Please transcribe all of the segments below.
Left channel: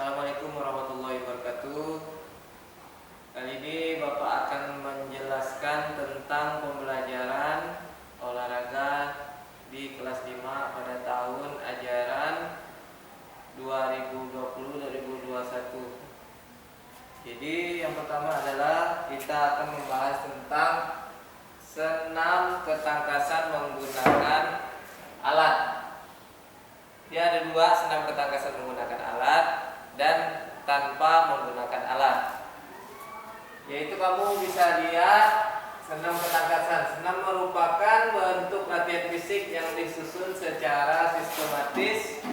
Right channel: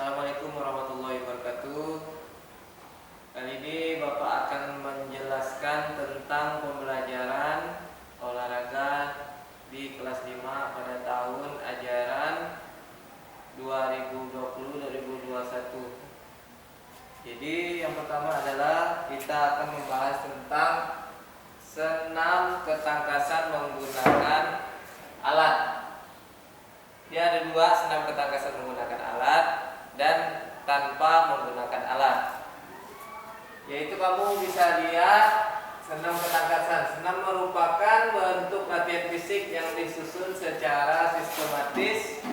Assalamualaikum warahmatullahi wabarakatuh. Kali ini Bapak akan menjelaskan tentang pembelajaran olahraga di kelas 5 pada tahun ajaran 2020-2021. Jadi yang pertama adalah kita akan membahas tentang senam ketangkasan menggunakan alat. Dia ada dua, senam ketangkasan menggunakan alat dan tanpa menggunakan alat. Yaitu kamu bisa lihat senam ketangkasan. Senam merupakan bentuk latihan fisik yang disusun secara sistematis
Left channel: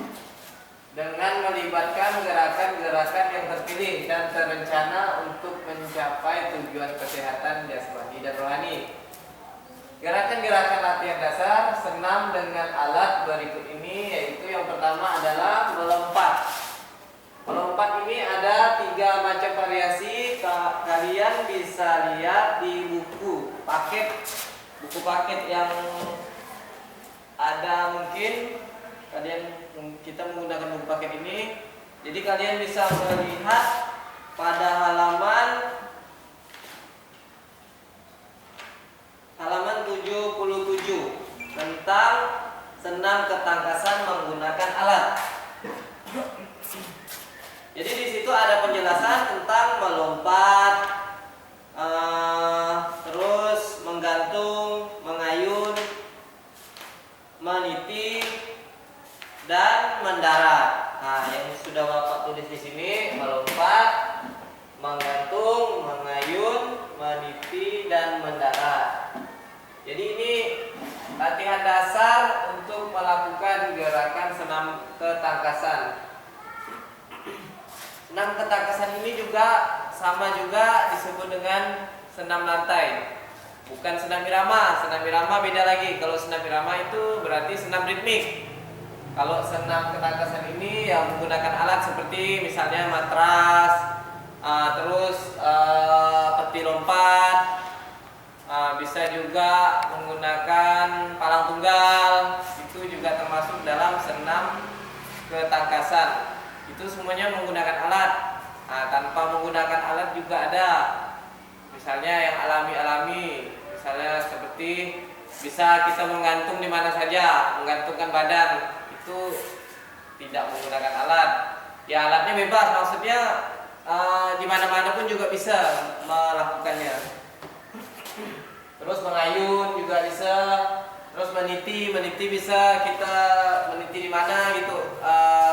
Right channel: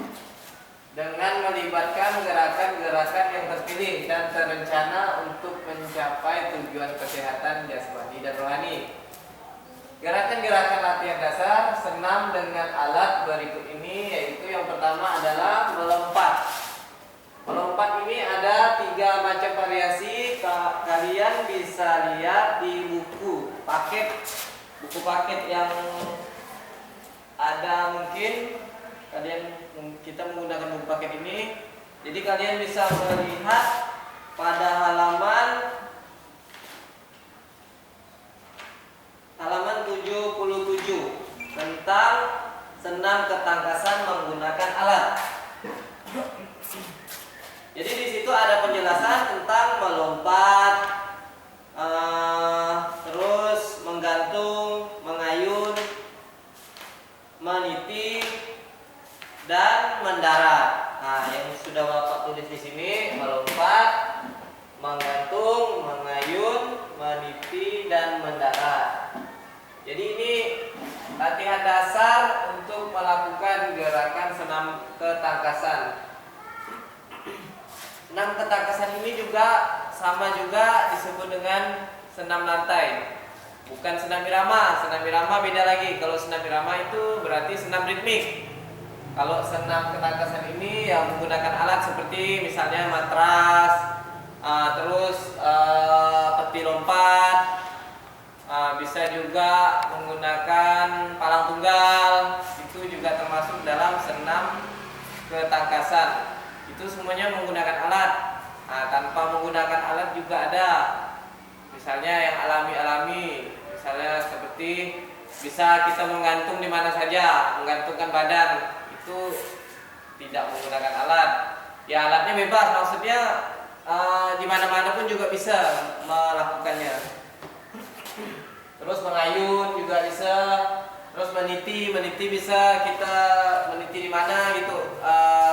dengan melibatkan gerakan-gerakan yang terpilih dan terencana untuk mencapai tujuan kesehatan jasmani dan rohani. Gerakan-gerakan latihan dasar senam dengan alat berikut ini, yaitu yang pertama adalah melompat. Melompat ini ada 3 macam variasi. Kalian bisa lihat di buku paket yang ada, mungkin kita menggunakan buku paket ini. Jadi kalian bisa melihat pada halaman 77 tentang senam ketangkasan menggunakan alat. Jadi di situ ada penjelasan tentang melompat, terus menggantung, mengayun, meniti, dan mendarat. Nah, yang sudah Bapak tulis di sini melompat, menggantung, mengayun, meniti, dan mendarat. Jadi ini latihan dasar untuk melakukan gerakan senam ketangkasan. Senam ketangkasan ini juga sama juga disebut dengan senam lantai. Bukan senam irama. Senam irama beda lagi. Kalau senam irama itu berarti senam ritmik. Kalau senam ketangkasan ini yang menggunakan alat seperti misalnya matras, terus peti lompat, bisa juga menggunakan palang tunggal. Itu juga termasuk dalam senam ketangkasan. Itu semuanya menggunakan alat. Tanpa menggunakan alat juga ada. Misalnya yang alami-alami, misalnya seperti bisa kita menggantung di mana saja, menggantungkan badan, itu tidak menggunakan alat. Ya, alatnya bebas, maksudnya di mana-mana pun juga bisa melakukannya. Terus mengayun juga bisa. Terus meniti bisa, kita meniti di mana gitu,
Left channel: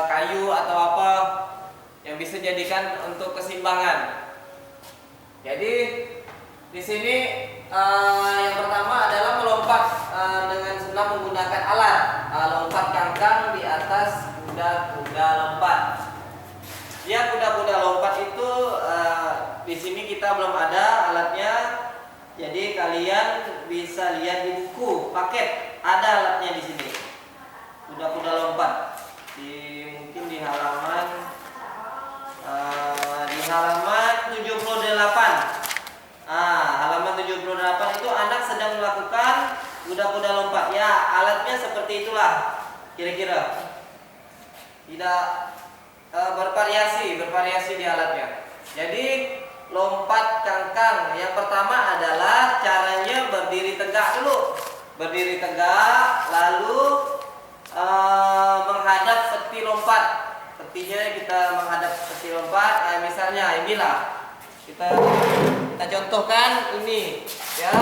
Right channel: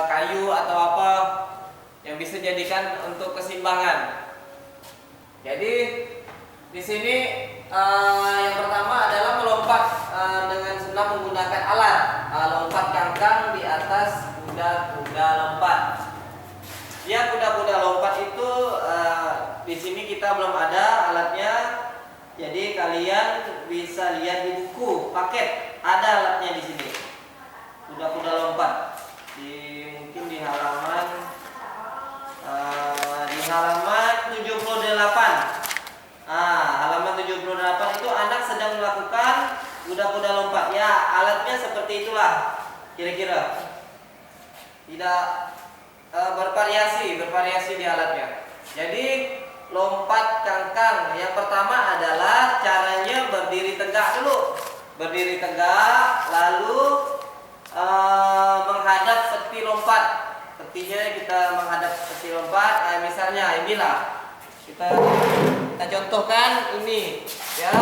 kayu atau apa yang bisa jadikan untuk keseimbangan. Jadi di sini yang pertama adalah melompat dengan senam menggunakan alat, lompat cangkang di atas kuda-kuda lompat. Ya, kuda-kuda lompat itu di sini kita belum ada alatnya. Jadi kalian bisa lihat di buku paket, ada alatnya di sini. Kuda-kuda lompat. Mungkin di halaman 78. Halaman 78 itu anak sedang melakukan kuda-kuda lompat. Ya, alatnya seperti itulah kira-kira. Tidak bervariasi di alatnya. Jadi lompat cangkang yang pertama adalah caranya berdiri tegak dulu. Berdiri tegak, lalu menghadap peti lompat. Petinya kita menghadap peti lompat. Misalnya inilah. Kita contohkan ini, ya.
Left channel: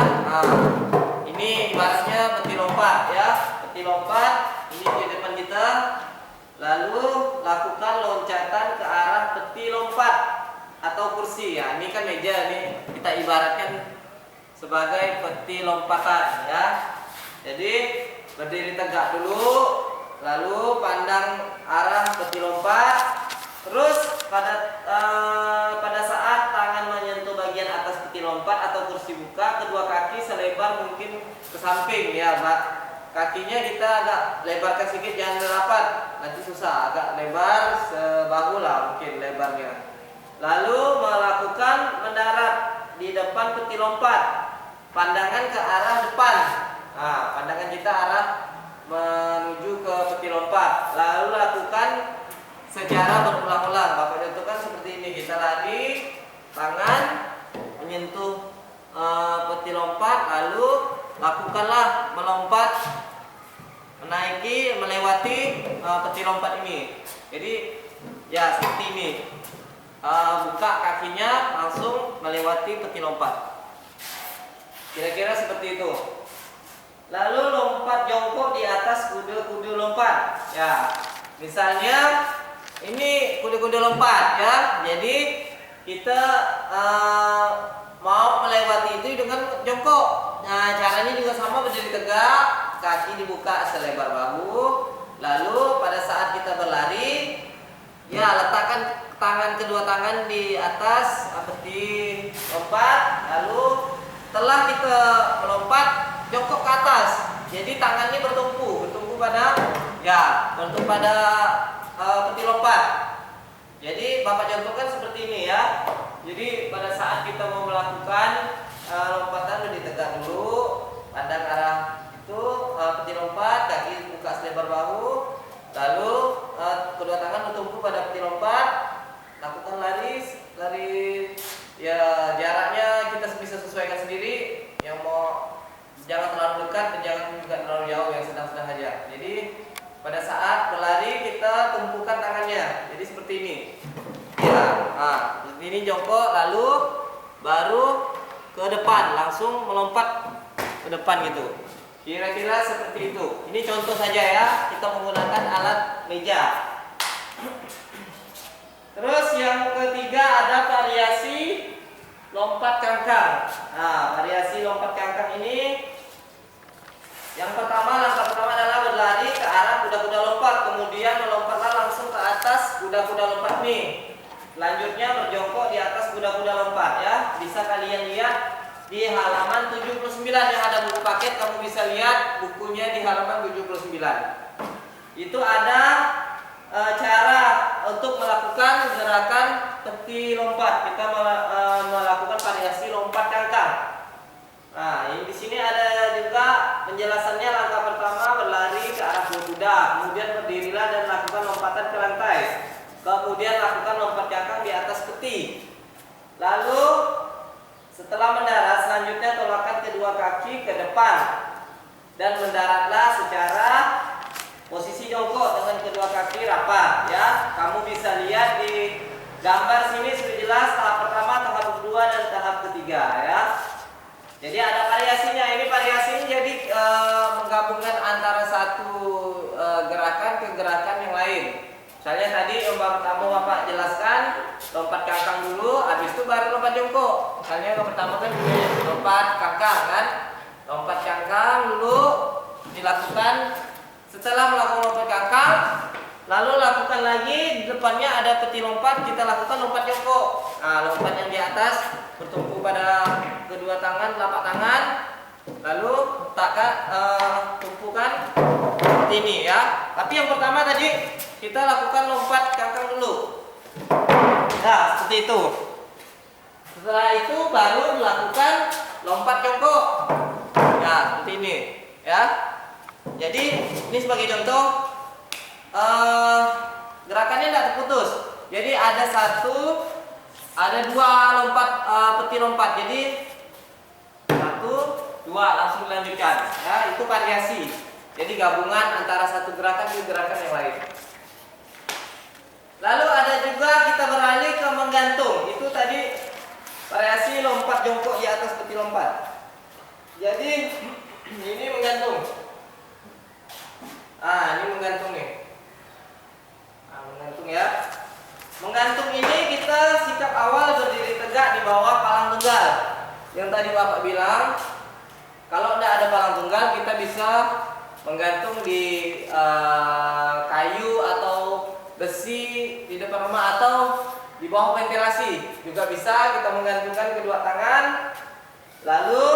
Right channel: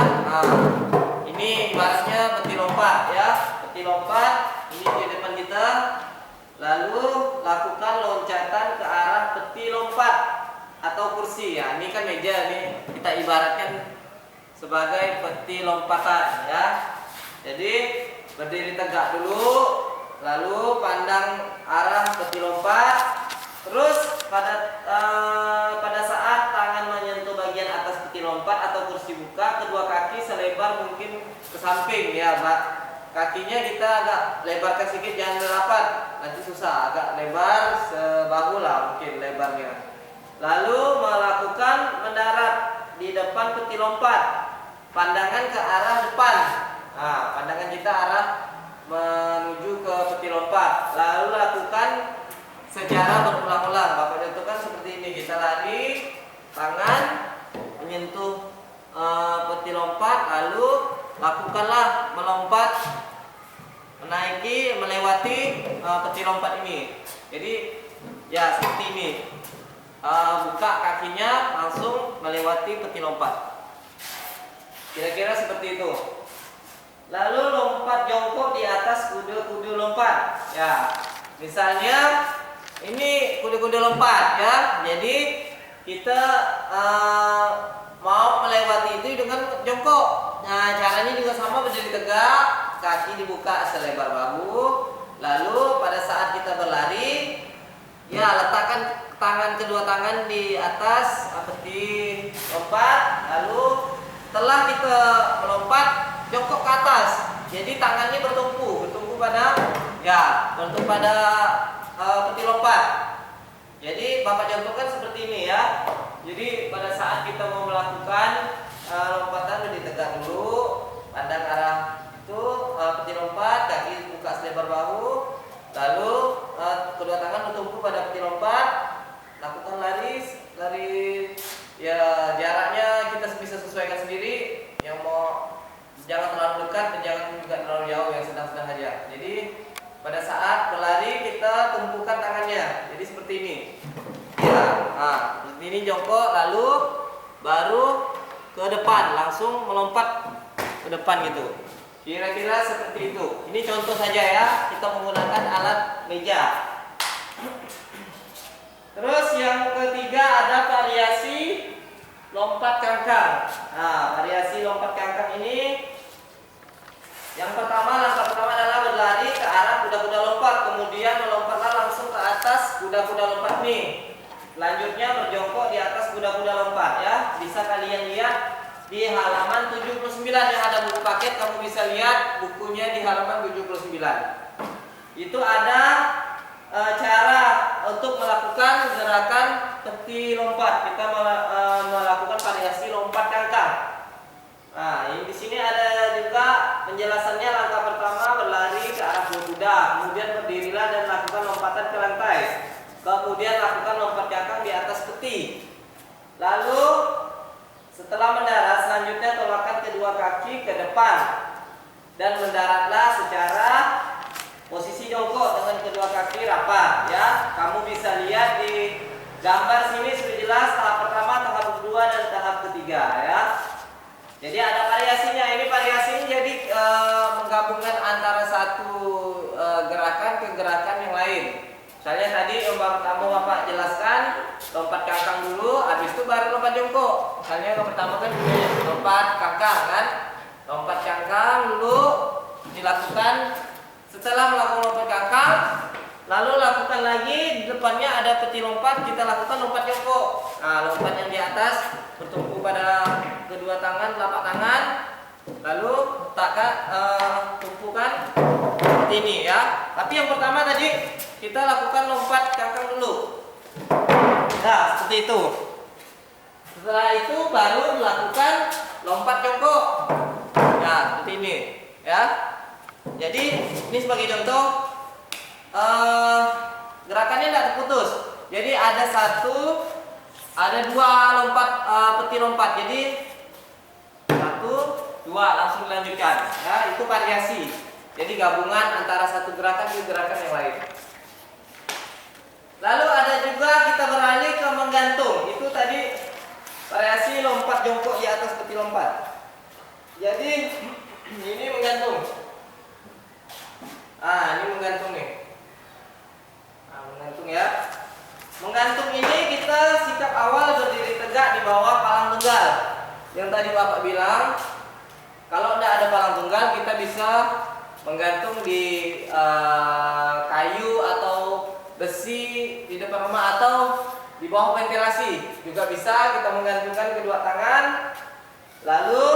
Ini ibaratnya peti lompat, ya. Peti lompat ini di depan kita. Lalu lakukan loncatan ke arah peti lompat atau kursi, ya. Ini kan meja nih, kita ibaratkan sebagai peti lompatan, ya. Jadi berdiri tegak dulu, lalu pandang arah peti lompat. Terus pada saat tangan menyentuh bagian atas peti lompat atau kursi buka, kedua kaki selebar mungkin ke samping, ya, Pak. Kakinya kita agak lebarkan sedikit, jangan rapat, nanti susah. Agak lebar sebahu lah mungkin lebarnya. Lalu melakukan mendarat di depan peti lompat. Pandangan ke arah depan. Pandangan kita arah menuju ke peti lompat. Lalu lakukan secara berulang-ulang. Bapak peti lompat ini. Jadi ya seperti ini. Buka kakinya langsung melewati peti lompat. Kira-kira seperti itu. Lalu lompat jongkok di atas kuda-kuda lompat. Ya, misalnya ini kuda-kuda lompat ya. Jadi kita mau melewati itu dengan jongkok. Nah, caranya juga sama, berdiri tegak, kaki dibuka selebar bahu. Lalu pada saat kita berlari, ya letakkan kedua tangan di atas peti lompat. Lalu setelah kita melompat, jongkok ke atas. Jadi tangannya bertumpu pada peti lompat. Jadi Bapak contohkan seperti ini ya. Jadi pada saat kita mau melakukan lompatan, berdiri tegak dulu, pandang arah itu peti lompat, kaki buka selebar bahu, lalu kedua tangan bertumpu pada peti lompat, lakukan lari ya, jaraknya kita bisa sesuaikan sendiri. Yang mau jangan terlalu dekat dan jangan juga terlalu jauh, yang sedang-sedang aja. Jadi pada saat berlari kita tumpukan tangannya. Jadi seperti ini. Ya, seperti ini jongkok, lalu baru ke depan, langsung melompat ke depan gitu. Kira-kira seperti itu. Ini contoh saja ya, kita menggunakan alat meja. Terus yang ketiga ada variasi lompat cangkang. Nah, variasi lompat cangkang ini, yang pertama, langkah pertama adalah berlari ke arah kuda-kuda lompat, kemudian melompatlah langsung ke atas kuda-kuda lompat nih. Selanjutnya berjongkok di atas kuda-kuda lompat ya. Bisa kalian lihat di halaman 79 yang ada buku paket, kamu bisa lihat bukunya di halaman 79. Itu ada cara untuk melakukan gerakan peti lompat. Kita melakukan variasi lompat cangkang. Nah, di sini ada juga penjelasannya. Langkah pertama berlari ke arah kuda, kemudian berdirilah dan lakukan lompatan ke lantai. Kemudian lakukan lompat cangkang di atas peti. Lalu setelah mendarat, selanjutnya tolakkan kedua kaki ke depan dan mendaratlah secara posisi jongkok dengan kedua kaki rapat ya. Kamu bisa lihat di gambar sini sudah jelas tahap pertama, tahap kedua dan tahap ketiga ya. Jadi ada variasinya. Ini variasinya jadi menggabungkan antara satu gerakan ke gerakan yang lain. Misalnya tadi lompat pertama Bapak jelaskan lompat cangkang dulu, habis itu baru lompat jongkok. Misalnya yang pertama kan lompat cangkang kan, lompat cangkang dulu dilakukan. Setelah melakukan lompat cangkang, lalu lakukan lagi di depannya ada peti lompat, kita lakukan lompat jongkok. Nah, lompat yang di atas bertumpu pada kedua tangan, telapak tangan, lalu tumpukan seperti ini ya. Tapi yang pertama tadi kita lakukan lompat cangkang dulu. Nah, seperti itu. Setelah itu baru melakukan lompat jongkok. Nah, seperti ini ya. Jadi ini sebagai contoh, gerakannya tidak terputus. Jadi ada dua lompat peti lompat. Jadi 1, 2 langsung dilanjutkan. Ya, itu variasi. Jadi gabungan antara satu gerakan ke gerakan yang lain. Lalu ada juga kita beralih ke menggantung. Itu tadi variasi lompat jongkok di atas peti lompat. Jadi ini menggantung. Ini menggantung nih. Menggantung ya. Menggantung ini kita sikap awal berdiri tegak di bawah palang tunggal. Yang tadi Bapak bilang, kalau tidak ada palang tunggal kita bisa menggantung di kayu atau besi di depan rumah atau di bawah ventilasi. Juga bisa kita menggantungkan kedua tangan. Lalu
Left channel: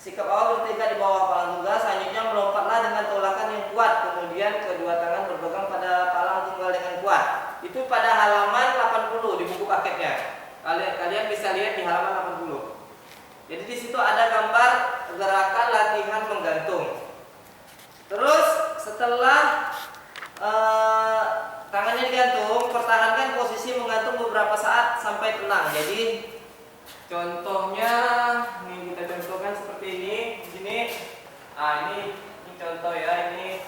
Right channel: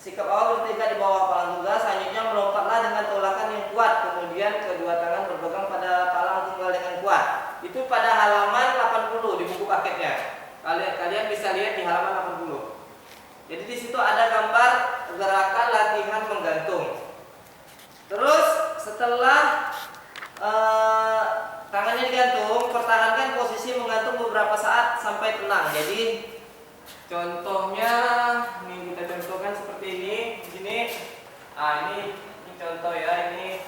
sikap awal bertegak di bawah palang tunggal. Selanjutnya melompatlah dengan tolakan yang kuat. Kemudian kedua tangan berpegang pada palang tunggal dengan kuat. Itu pada halaman 80 di buku paketnya. Kalian bisa lihat di halaman 80. Jadi di situ ada gambar gerakan latihan menggantung. Terus setelah tangannya digantung, pertahankan posisi menggantung beberapa saat sampai tenang. Jadi contohnya ini kita contohkan seperti ini. Di sini, ini contoh ya, ini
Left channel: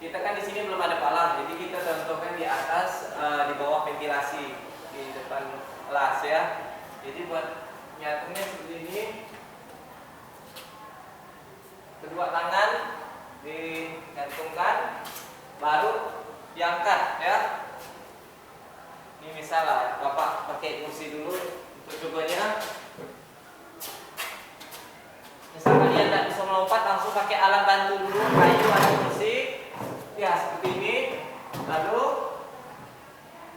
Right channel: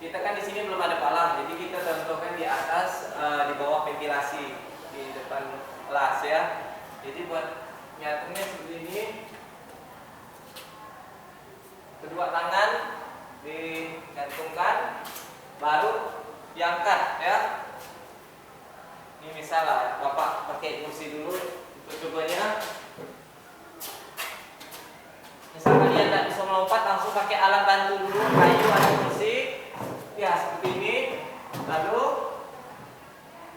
kita kan di sini belum ada palang, jadi kita contohkan di atas, di bawah ventilasi di depan kelas ya. Jadi buat nyatunya seperti ini, kedua tangan digantungkan, baru diangkat ya. Ini misalnya Bapak pakai kursi dulu untuk cobanya. Misal kalian tidak bisa melompat, langsung pakai alat bantu dulu, kayu atau kursi ya seperti ini. Lalu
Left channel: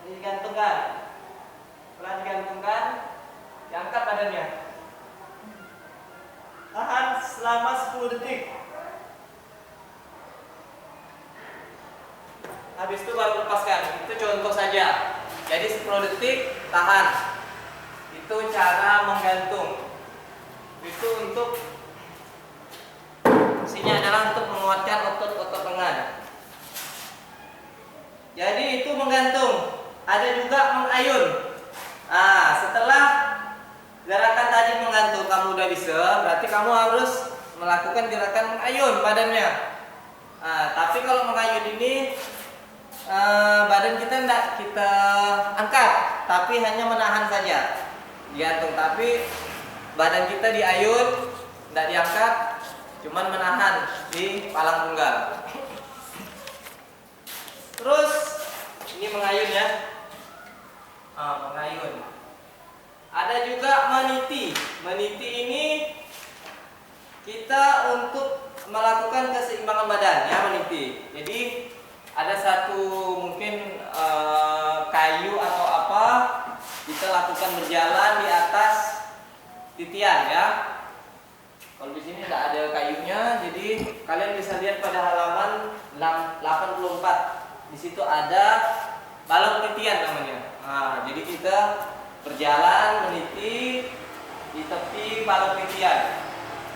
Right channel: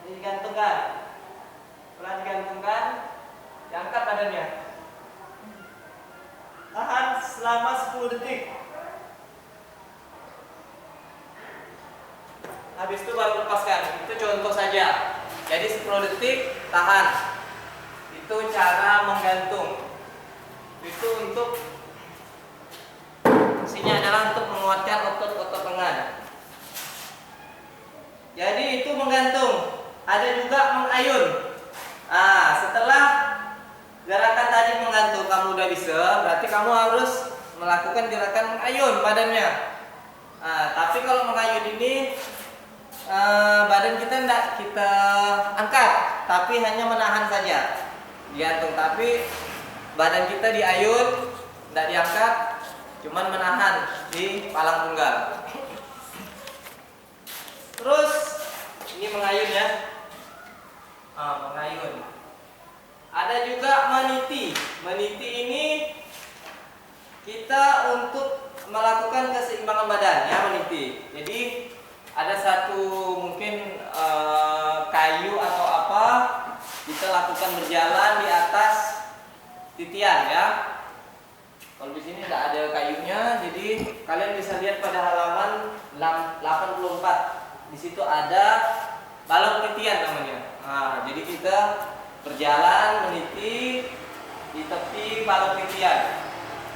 digantungkan, setelah digantungkan, diangkat badannya, tahan selama 10 detik. Habis itu baru lepaskan. Itu contoh saja. Jadi 10 detik tahan. Itu cara menggantung. Itu untuk fungsinya adalah untuk menguatkan otot-otot lengan. Jadi itu menggantung. Ada juga mengayun. Setelah gerakan tadi menggantung kamu udah bisa, berarti kamu harus melakukan gerakan mengayun badannya. Tapi kalau mengayun ini badan kita tidak kita angkat, tapi hanya menahan saja, digantung. Tapi badan kita diayun, tidak diangkat, cuman menahan di palang tunggal. Terus ini mengayun ya, mengayun. Ada juga meniti. Meniti ini kita untuk melakukan keseimbangan badan ya, meniti. Jadi ada satu mungkin kayu atau apa, kita lakukan berjalan di atas titian ya. Kalau di sini tidak ada kayunya, jadi kalian bisa lihat pada halaman 84. Di situ ada balok titian namanya. Jadi kita berjalan meniti di tepi balok titian.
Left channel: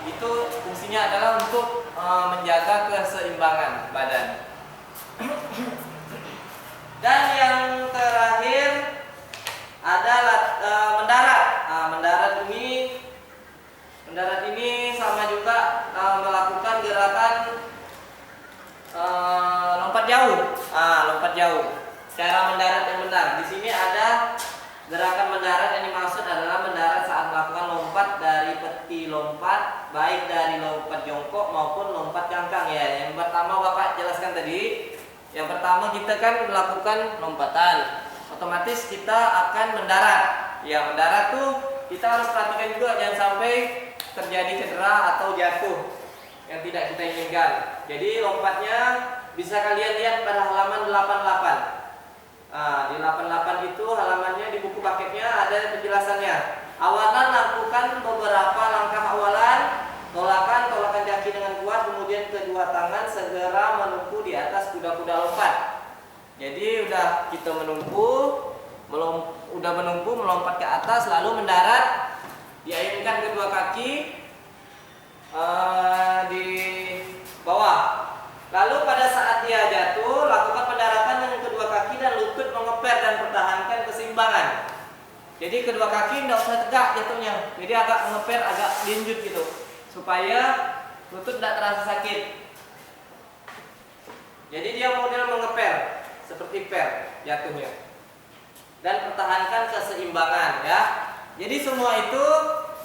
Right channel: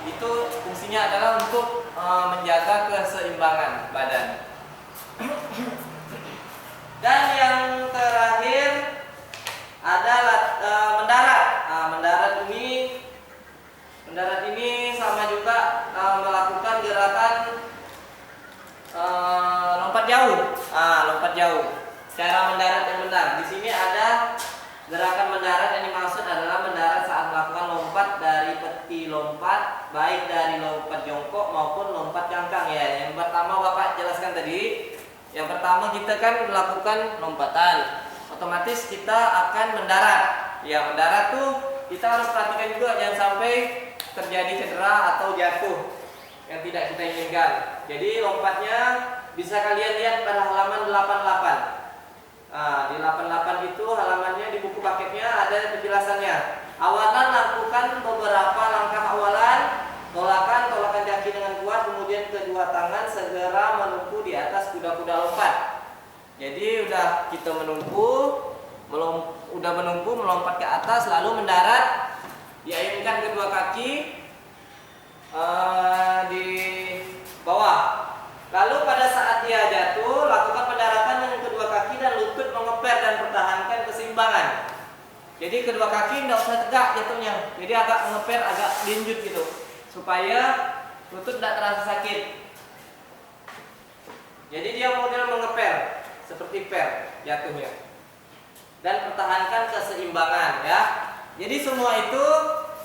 Itu fungsinya adalah untuk menjaga keseimbangan badan. Dan yang terakhir adalah mendarat. Mendarat ini sama juga melakukan gerakan lompat jauh. Lompat jauh. Cara mendarat yang benar. Di sini ada gerakan mendarat yang dimaksud adalah mendarat saat melakukan lompat dari peti lompat, baik dari lompat jongkok maupun lompat cangkang ya. Yang pertama Bapak jelaskan tadi. Yang pertama kita kan melakukan lompatan, otomatis kita akan mendarat. Ya, mendarat tuh kita harus perhatikan juga jangan sampai terjadi cedera atau jatuh yang tidak kita inginkan. Jadi lompatnya bisa kalian lihat pada halaman 88. Di 88 itu halamannya di buku paketnya ada penjelasannya. Awalan lakukan beberapa langkah awalan. Tolakan kaki dengan kuat, kemudian kedua tangan segera menumpu di atas kuda-kuda lompat. Jadi udah kita menumpu melompat ke atas, lalu mendarat, diayunkan kedua kaki di bawah. Lalu pada saat dia jatuh, lakukan pendaratan dengan kedua kaki dan lutut mengeper dan pertahankan keseimbangan. Jadi kedua kaki tidak usah tegak jatuhnya, jadi agak mengeper, agak linjut gitu, supaya lutut tidak terasa sakit. Jadi dia model mengeper seperti per jatuhnya. Dan pertahankan keseimbangan ya. Jadi semua itu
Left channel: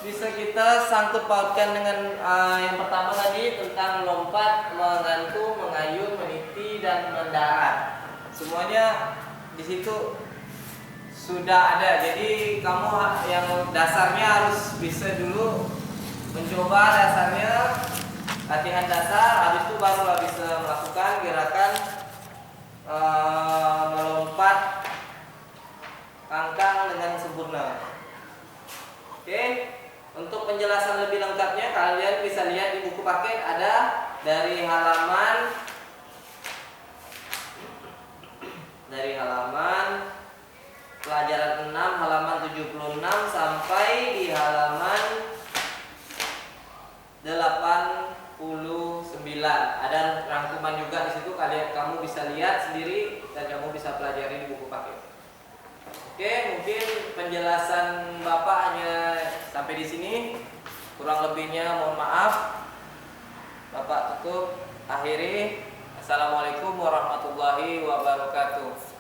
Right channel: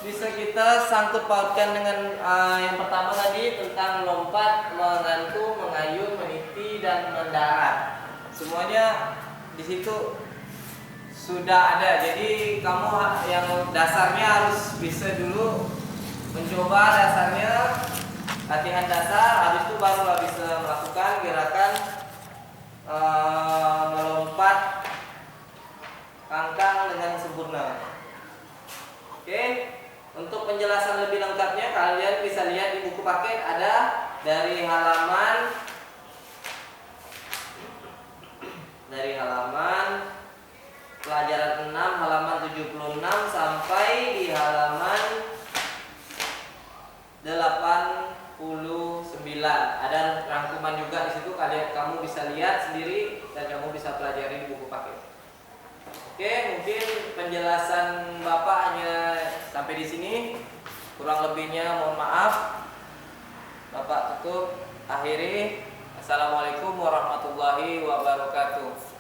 bisa kita sangkut pautkan dengan yang pertama tadi tentang lompat, menggantung, mengayun, meniti dan mendarat. Semuanya di situ sudah ada. Jadi kamu yang dasarnya harus bisa dulu mencoba dasarnya, latihan dasar, habis itu barulah bisa melakukan gerakan melompat kangkang dengan sempurna. Oke, untuk penjelasan lebih lengkapnya kalian bisa lihat di buku paket, ada dari halaman pelajaran 6 halaman 76 sampai di halaman 89. Ada rangkuman juga di situ, kamu bisa lihat sendiri dan kamu bisa pelajari di buku paket. Oke, mungkin penjelasan Bapak hanya sampai di sini. Kurang lebihnya mohon maaf. Bapak tutup. Akhir akhiri. Assalamualaikum warahmatullahi wabarakatuh.